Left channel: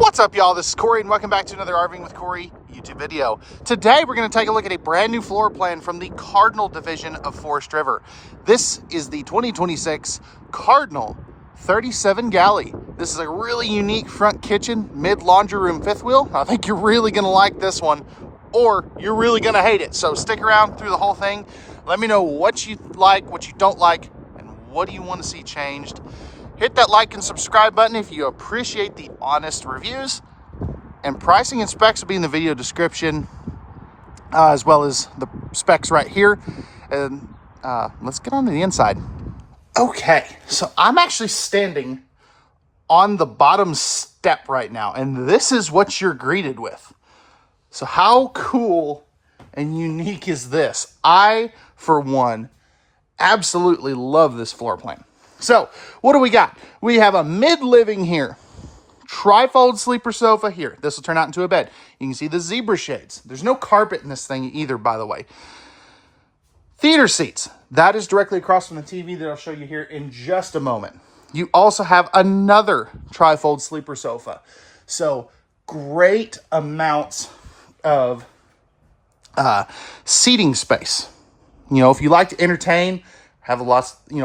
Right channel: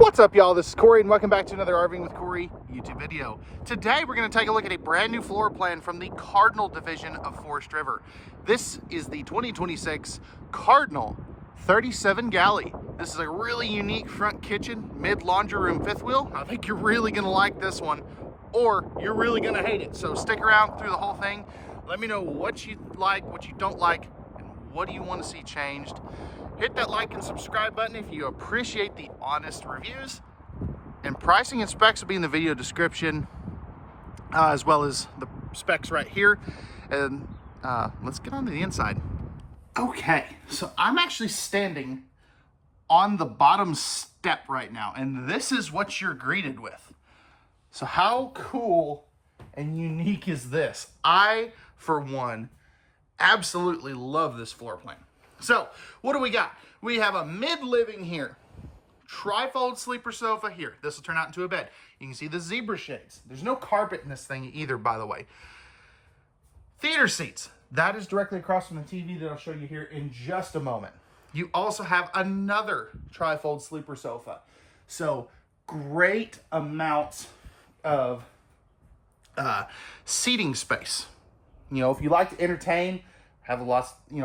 What's up, y'all? This is Corey, and welcome back to another RVing with Corey YouTube video. Today, we're going to take a look at a brand new floor plan from the Cardinal division of Forest River. This is the 2026 Cardinal 37GALLEY. This is a really unique front kitchen, mid laundry room fifth wheel. I think you're really going to like this one, or you're really going to hate it. So stick around through the whole thing. Let me know what you like, what you don't like, and what do you want to see changed. Hit that like and subscribe button if you appreciate the honest reviews. And pricing and specs will be in the video description, as well as the specs right here. And let's get on to the inside. Okay, so I'm actually standing on the bottom step right now, and this is what you're greeted with. So how cool and unique is this? I, for one, absolutely love this floor plan. So, what do we got? We have a mid-living here. Trifold sleeper sofa here. This will turn out into a bed. You can see the zebra shades. There's no carpet in this thing either, by the way. Theater seats. That is directly across from the TV that I'll show you here in just a moment. You also have another trifold sleeper sofa. So, great amounts of seating space. You know, if you like to entertain, have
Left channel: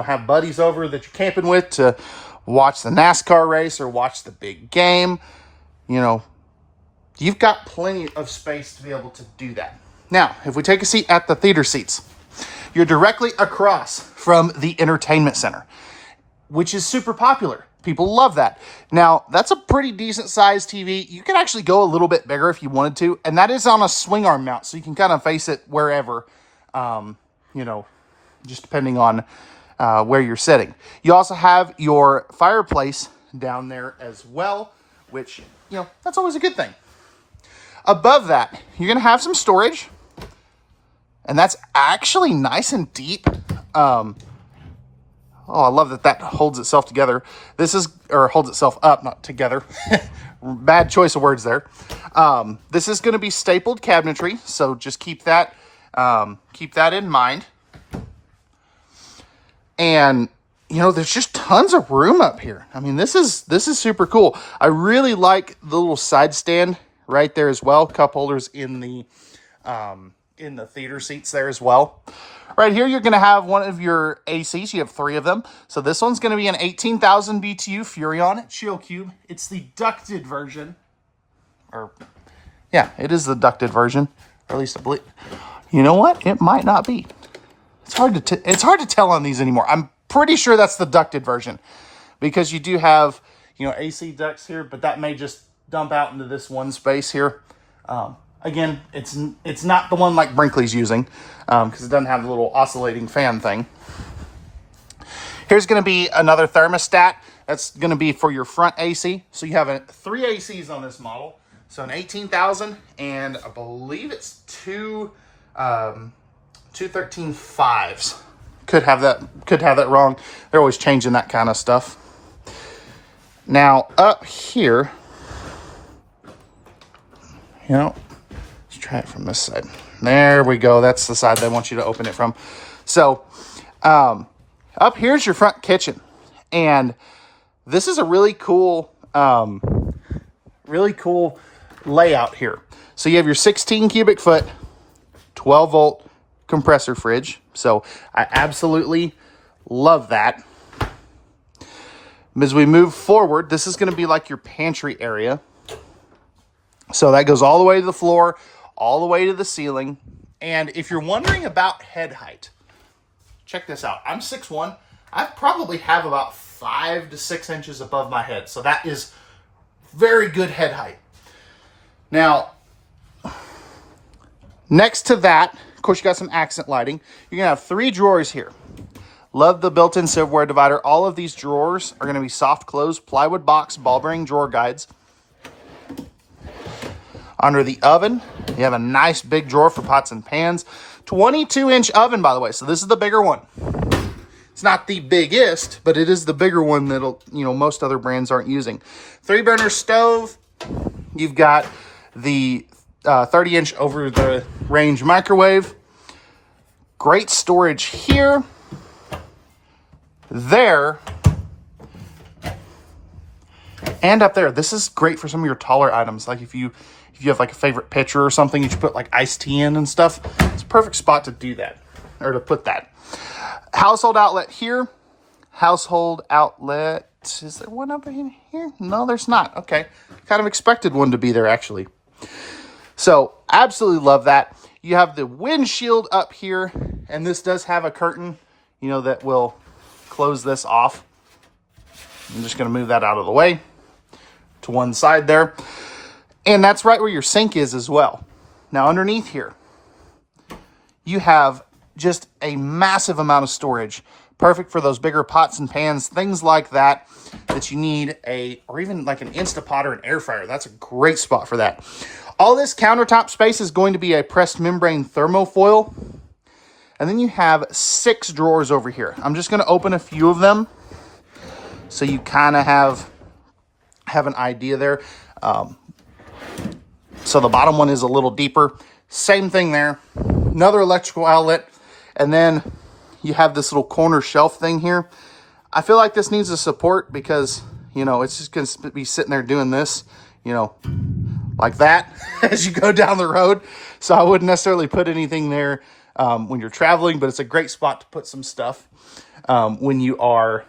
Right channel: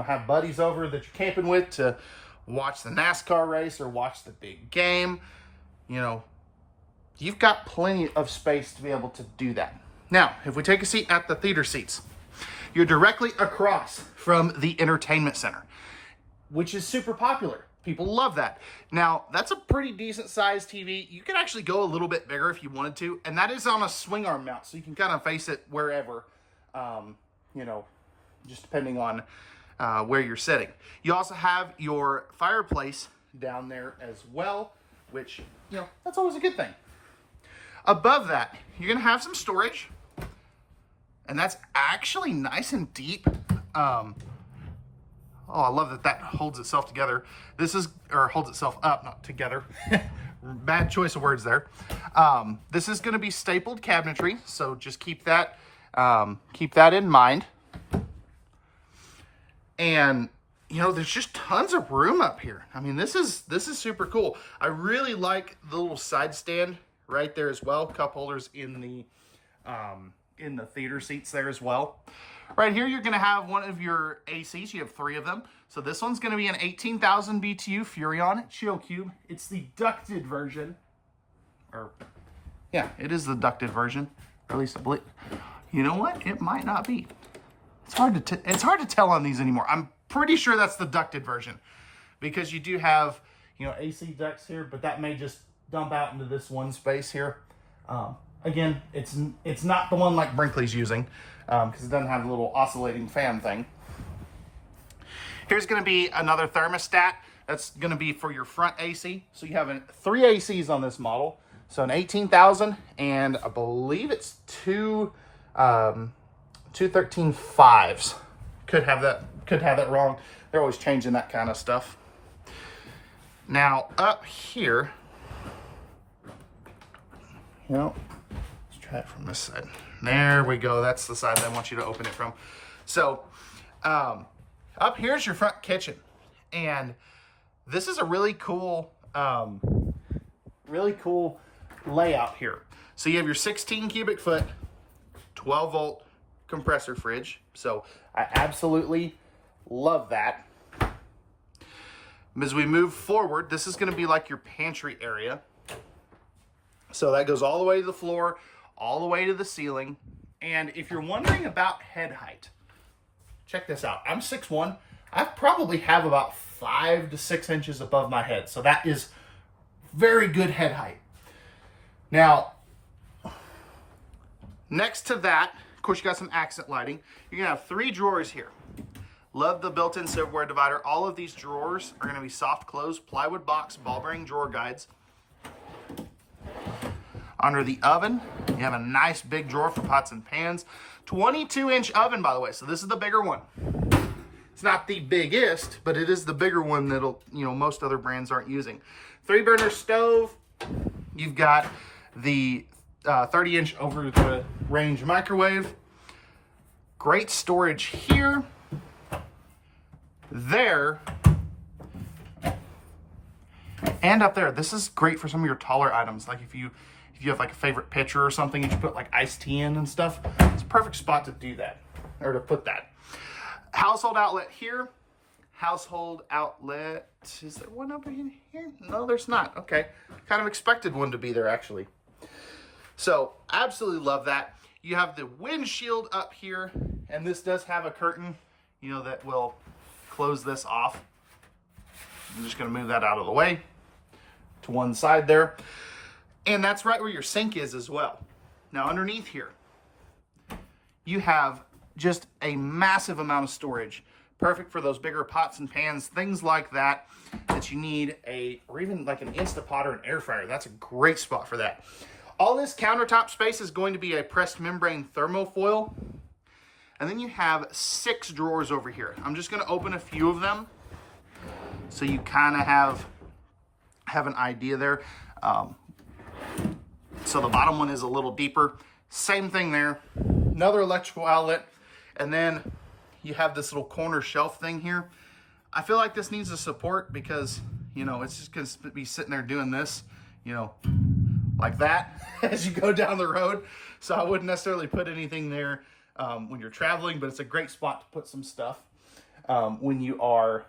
have buddies over that you're camping with to watch the NASCAR race or watch the big game, you know, you've got plenty of space to be able to do that. Now, if we take a seat at the theater seats, you're directly across from the entertainment center, which is super popular. People love that. Now, that's a pretty decent sized TV. You can actually go a little bit bigger if you wanted to, and that is on a swing arm mount, so you can kind of face it wherever, just depending on where you're sitting. You also have your fireplace down there as well, which, that's always a good thing. Above that, you're going to have some storage, and that's actually nice and deep. I love that holds itself together. Holds itself up, not together. Bad choice of words there. This is going to be stapled cabinetry, so just keep that in mind. And, there's just tons of room up here. I mean, this is super cool. I really like the little side stand right there as well. Cup holders in the theater seats there as well. Right here, you're going to have one of your ACs. You have 3 of them. So this one's going to be an 18,000 BTU Furrion Chill Cube. It's the ducted version. It is the ducted version. Or at least I believe. You know what? It might not be. It's hard to tell on these anymore. I'm pretty sure that's the ducted version, because you do have, AC ducts here, but that may just dump out into this one space here. Again, it's not the one like Brinkley's using, because it doesn't have the little oscillating fan thing. Here's going to be another thermostat. That's going to be for your front AC. So you have 3 ACs on this model. So an 18,000, and I believe it's 2 13.5s. Could have that wrong. They're always changing that kind of stuff. Now up here, let's try it from this side. There we go. That's the side they want you to open it from. So up here's your front kitchen, and this is a really cool layout here. So you have your 16 cubic foot, 12 volt compressor fridge. So I absolutely love that. As we move forward, this is going to be like your pantry area. So that goes all the way to the floor, all the way to the ceiling. And if you're wondering about head height, check this out. I'm 6'1". I probably have about 5 to 6 inches above my head. So that is very good head height. Now, next to that, of course, you got some accent lighting. You're going to have 3 drawers here. Love the built-in silverware divider. All of these drawers are going to be soft close, plywood box, ball bearing drawer guides. Under the oven, you have a nice big drawer for pots and pans. 22-inch oven, by the way. So this is the bigger one. It's not the biggest, but it is the bigger one that'll, most other brands aren't using. 3-burner stove. You've got the 30-inch over the range microwave. Great storage here. There. And up there, this is great for some of your taller items. Like if you have like a favorite pitcher or something that you put like iced tea in and stuff, it's a perfect spot to do that, or to put that. Household outlet here. Household outlet, is there one up in here? No, there's not. Okay, kind of expected one to be there actually. So absolutely love that. You have the windshield up here, and this does have a curtain, you know, that will close this off. I'm just going to move that out of the way to one side there. And that's right where your sink is as well. Now underneath here, you have just a massive amount of storage. Perfect for those bigger pots and pans, things like that, that you need or even like an Instapot or an air fryer. That's a great spot for that. All this countertop space is going to be a pressed membrane thermofoil. And then you have 6 drawers over here. I'm just going to open a few of them so you kind of have an idea there. So the bottom one is a little deeper. Same thing there. Another electrical outlet. And then you have this little corner shelf thing here. I feel like this needs a support because, you know, it's just going to be sitting there doing this, you know, like that as you go down the road. So I wouldn't necessarily put anything there when you're traveling, but it's a great spot to put some stuff when you are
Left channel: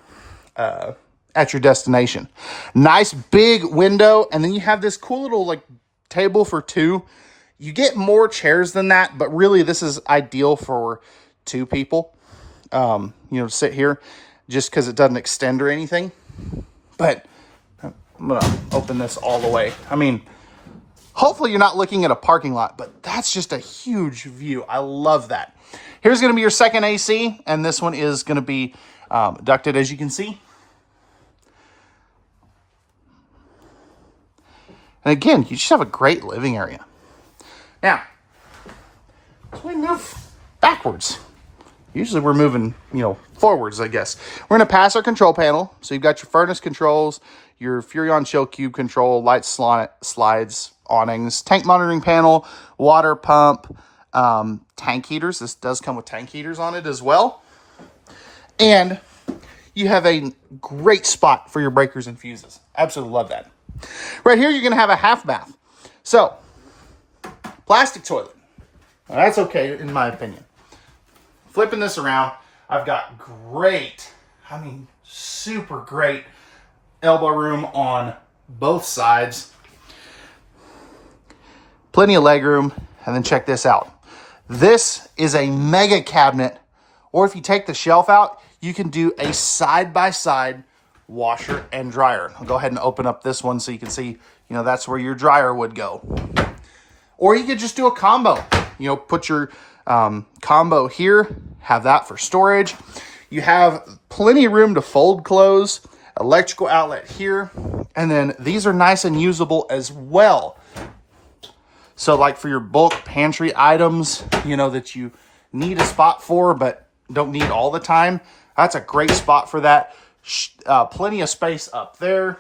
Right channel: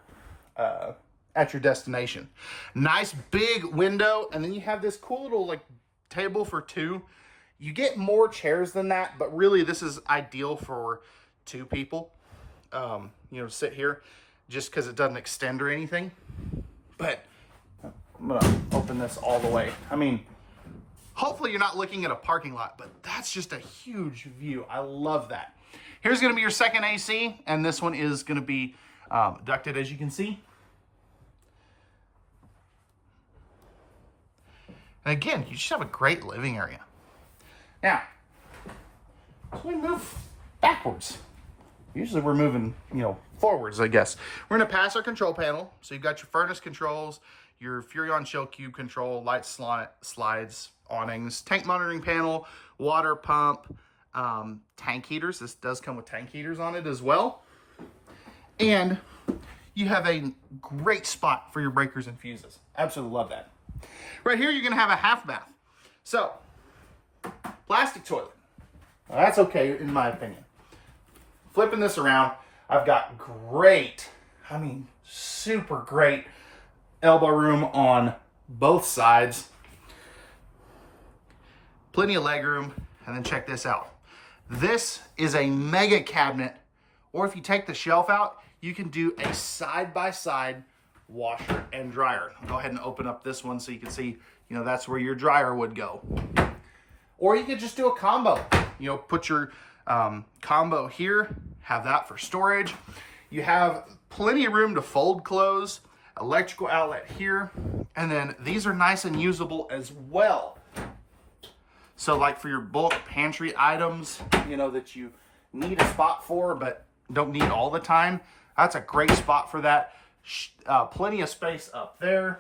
at your destination. Nice big window, and then you have this cool little like table for 2. You get more chairs than that, but really this is ideal for 2 people. You know, sit here just because it doesn't extend or anything. But I'm gonna open this all the way. I mean, hopefully you're not looking at a parking lot, but that's just a huge view. I love that. Here's gonna be your second AC, and this one is gonna be ducted, as you can see. And again, you just have a great living area. Now, as we move backwards, usually we're moving, you know, forwards, I guess. We're going to pass our control panel. So you've got your furnace controls, your Furrion chill cube control, light slides, awnings, tank monitoring panel, water pump, tank heaters. This does come with tank heaters on it as well. And you have a great spot for your breakers and fuses. Absolutely love that. Right here, you're going to have a half bath. So, plastic toilet. Now, that's okay, in my opinion. Flipping this around, I've got great, I mean, super great elbow room on both sides. Plenty of leg room. And then check this out. This is a mega cabinet. Or if you take the shelf out, you can do a side-by-side washer and dryer. I'll go ahead and open up this one so you can see, you know, that's where your dryer would go. Or you could just do a combo. You know, put your combo here, have that for storage. You have plenty of room to fold clothes, electrical outlet here, and then these are nice and usable as well. So like for your bulk pantry items, you know, that you need a spot for but don't need all the time, that's a great spot for that. Plenty of space up there.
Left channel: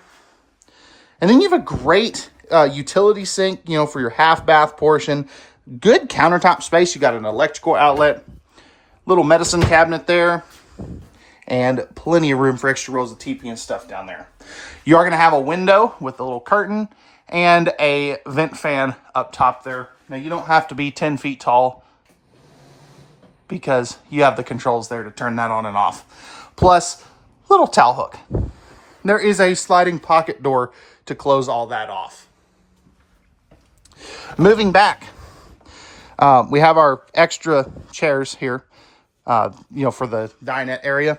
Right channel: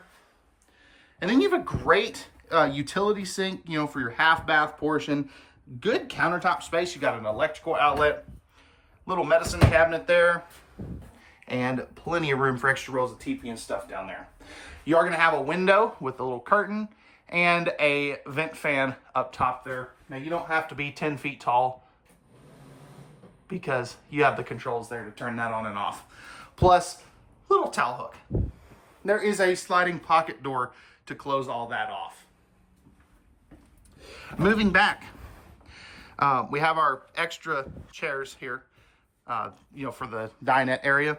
And then you have a great utility sink, you know, for your half bath portion. Good countertop space. You got an electrical outlet, little medicine cabinet there, and plenty of room for extra rolls of TP and stuff down there. You are going to have a window with a little curtain and a vent fan up top there. Now, you don't have to be 10 feet tall because you have the controls there to turn that on and off. Plus, little towel hook. There is a sliding pocket door to close all that off. Moving back, we have our extra chairs here, you know, for the dinette area.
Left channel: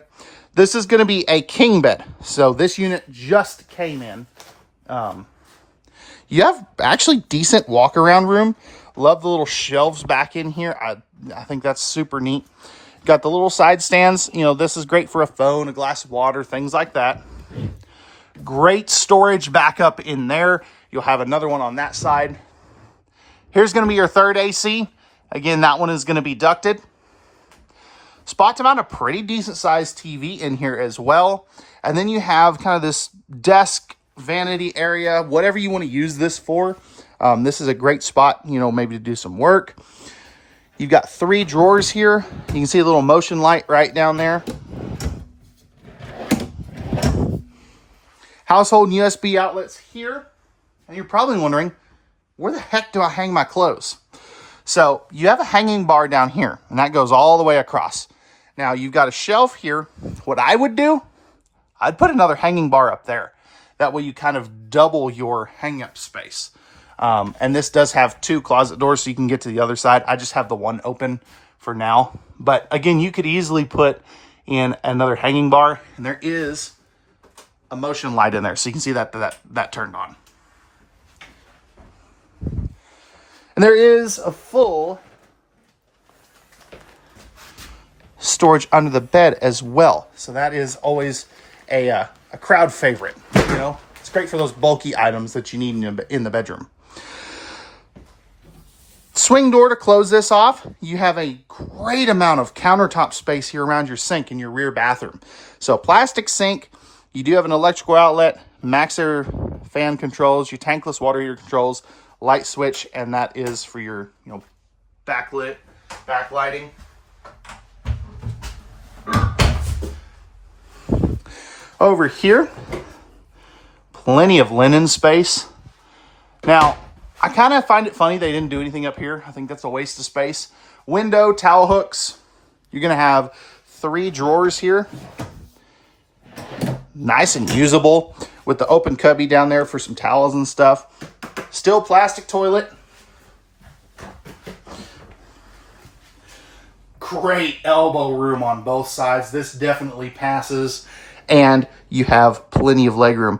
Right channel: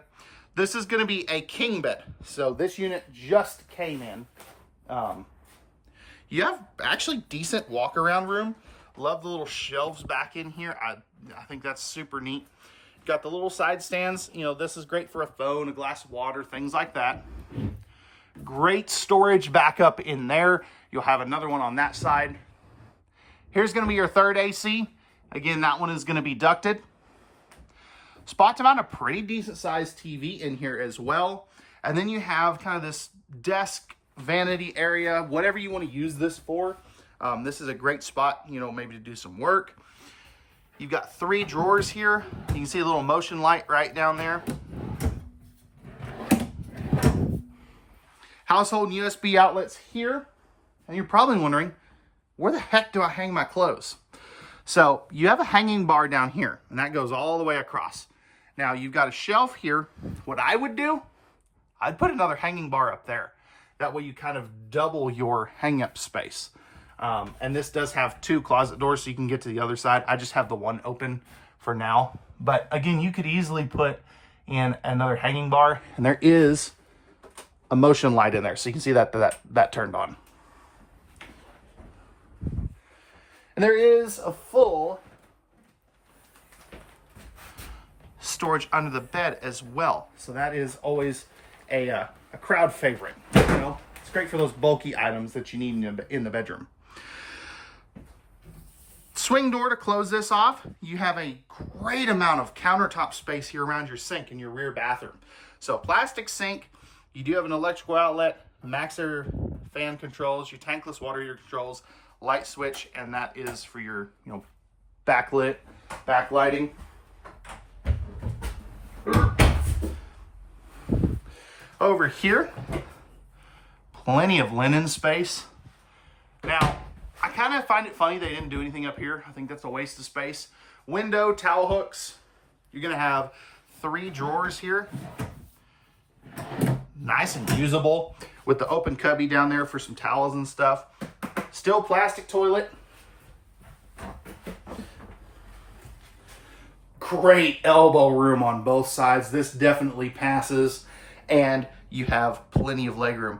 This is going to be a king bed. So this unit just came in. You have actually decent walk around room. Love the little shelves back in here. I think that's super neat. Got the little side stands. You know, this is great for a phone, a glass of water, things like that. Great storage backup in there. You'll have another one on that side. Here's going to be your third AC. Again, that one is going to be ducted. Spot to mount a pretty decent sized TV in here as well. And then you have kind of this desk vanity area, whatever you want to use this for. This is a great spot, you know, maybe to do some work. You've got 3 drawers here. You can see a little motion light right down there. Household USB outlets here. And you're probably wondering, where the heck do I hang my clothes? So you have a hanging bar down here, and that goes all the way across. Now you've got a shelf here. What I would do, I'd put another hanging bar up there. That way you kind of double your hang up space. And this does have 2 closet doors so you can get to the other side. I just have the one open for now. But again, you could easily put in another hanging bar, and there is a motion light in there. So you can see that turned on. And there is a full storage under the bed as well. So that is always a crowd favorite. You know, it's great for those bulky items that you need in the bedroom. Swing door to close this off. You have a great amount of countertop space here around your sink in your rear bathroom. So plastic sink. You do have an electrical outlet, max air fan controls, your tankless water heater controls, light switch, and that is for your, backlighting. Over here, plenty of linen space. Now, I kind of find it funny they didn't do anything up here. I think that's a waste of space. Window, towel hooks. You're going to have 3 drawers here. Nice and usable with the open cubby down there for some towels and stuff. Still plastic toilet. Great elbow room on both sides. This definitely passes. And you have plenty of legroom.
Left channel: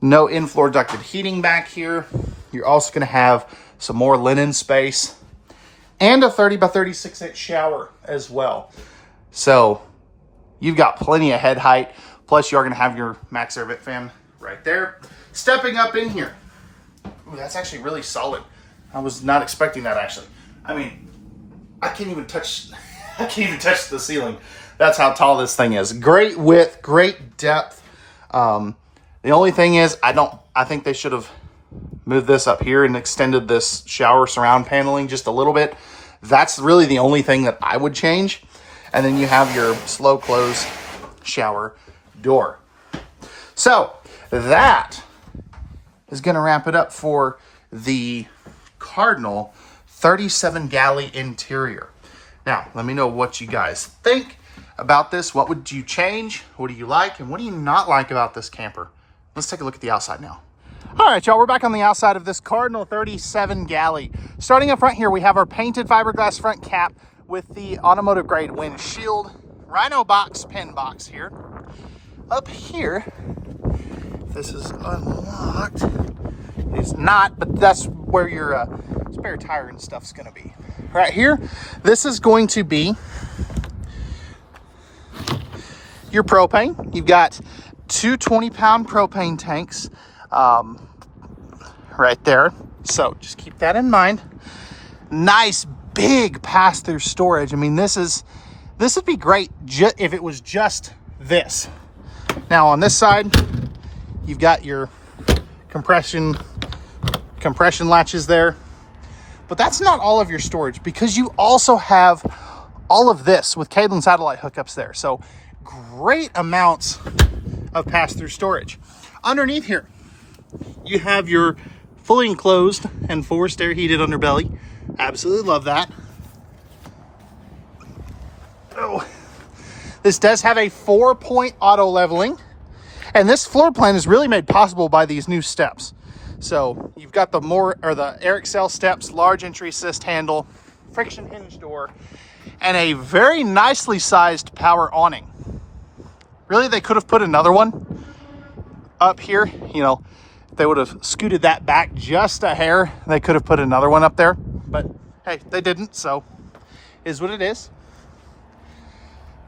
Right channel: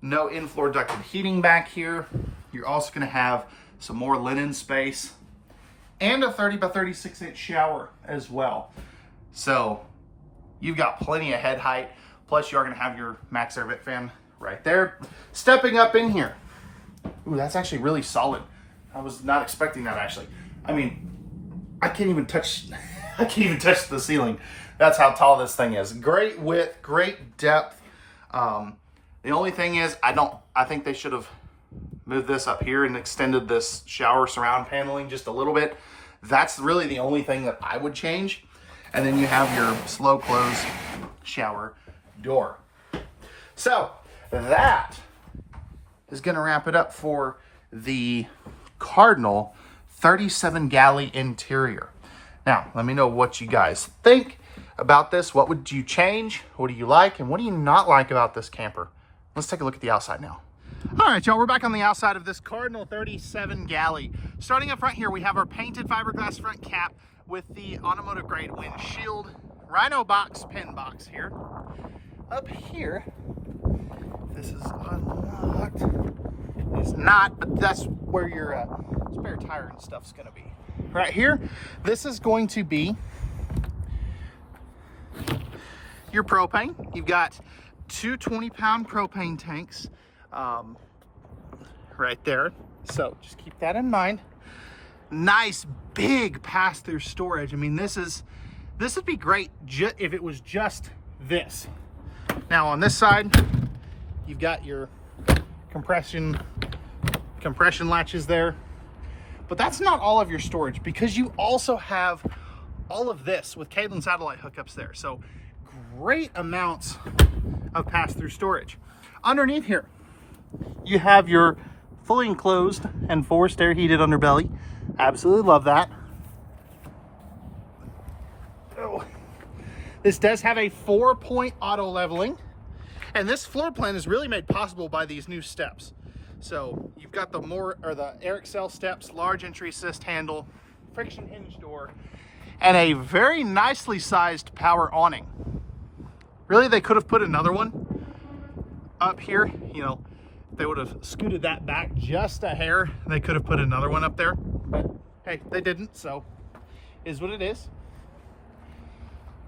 No in-floor ducted heating back here. You're also going to have some more linen space. And a 30 by 36 inch shower as well. So you've got plenty of head height. Plus you are going to have your max air vent fan right there. Stepping up in here. Ooh, that's actually really solid. I was not expecting that, actually. I mean, I can't even touch the ceiling. That's how tall this thing is. Great width, great depth. The only thing is, I think they should have moved this up here and extended this shower surround paneling just a little bit. That's really the only thing that I would change. And then you have your slow close shower door. So that is going to wrap it up for the Cardinal 37 galley interior. Now, let me know what you guys think about this. What would you change? What do you like? And what do you not like about this camper? Let's take a look at the outside now. All right, y'all, we're back on the outside of this Cardinal 37 galley. Starting up front here, we have our painted fiberglass front cap with the automotive grade windshield, Rhino box, pin box here. Up here, this is unlocked. It's not, but that's where your spare tire and stuff's gonna be. Right here, this is going to be your propane. You've got 2 20-pound propane tanks right there. So just keep that in mind. Nice big pass-through storage. I mean, this would be great if it was just this. Now on this side, you've got your compression latches there. But that's not all of your storage, because you also have all of this with cable and satellite hookups there. So great amounts of pass-through storage. Underneath here, you have your fully enclosed and forced air heated underbelly. Absolutely love that. Oh. This does have a 4-point auto leveling, and this floor plan is really made possible by these new steps. So you've got the air excel steps, large entry assist handle, friction hinge door, and a very nicely sized power awning. Really, they could have put another one up here. You know, if they would have scooted that back just a hair, they could have put another one up there. But hey, they didn't, so is what it is.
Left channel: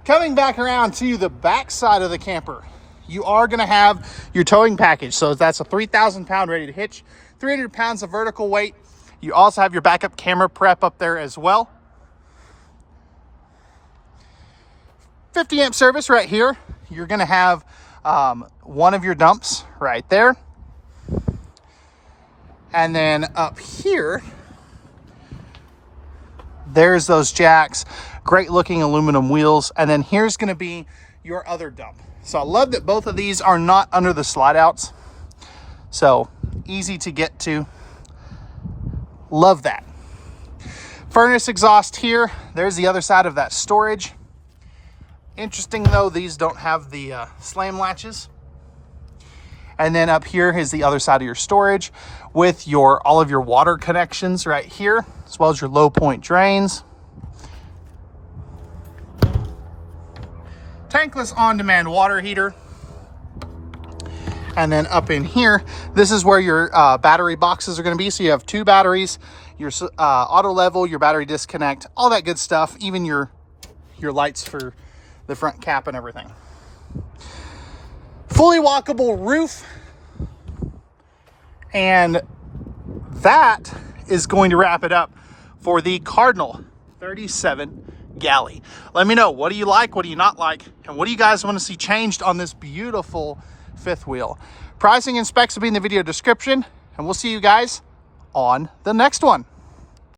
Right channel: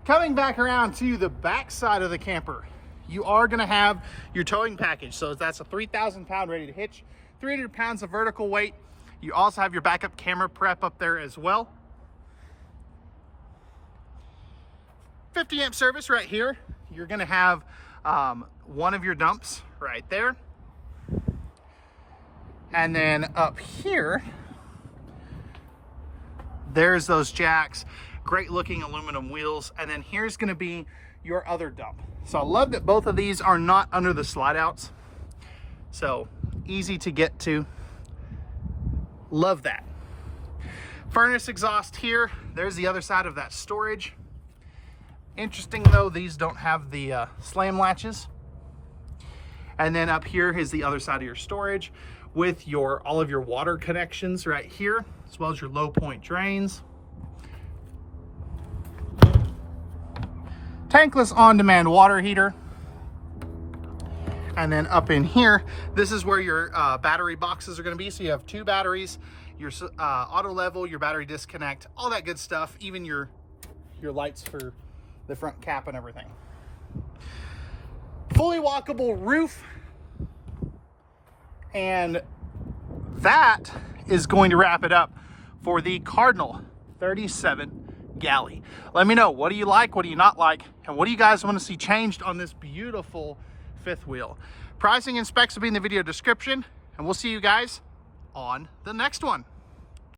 Coming back around to the back side of the camper, you are going to have your towing package. So that's a 3,000 pound ready to hitch, 300 pounds of vertical weight. You also have your backup camera prep up there as well. 50 amp service right here. You're going to have one of your dumps right there. And then up here, there's those jacks, great looking aluminum wheels. And then here's going to be your other dump. So I love that both of these are not under the slide outs. So easy to get to. Love that. Furnace exhaust here. There's the other side of that storage. Interesting though, these don't have the slam latches. And then up here is the other side of your storage with all of your water connections right here, as well as your low point drains. Tankless on-demand water heater. And then up in here, this is where your battery boxes are going to be. So you have 2 batteries, your auto level, your battery disconnect, all that good stuff, even your lights for the front cap and everything. Fully walkable roof. And that is going to wrap it up for the Cardinal 37GALLEY. Let me know, what do you like, what do you not like, and what do you guys want to see changed on this beautiful fifth wheel? Pricing and specs will be in the video description, and we'll see you guys on the next one.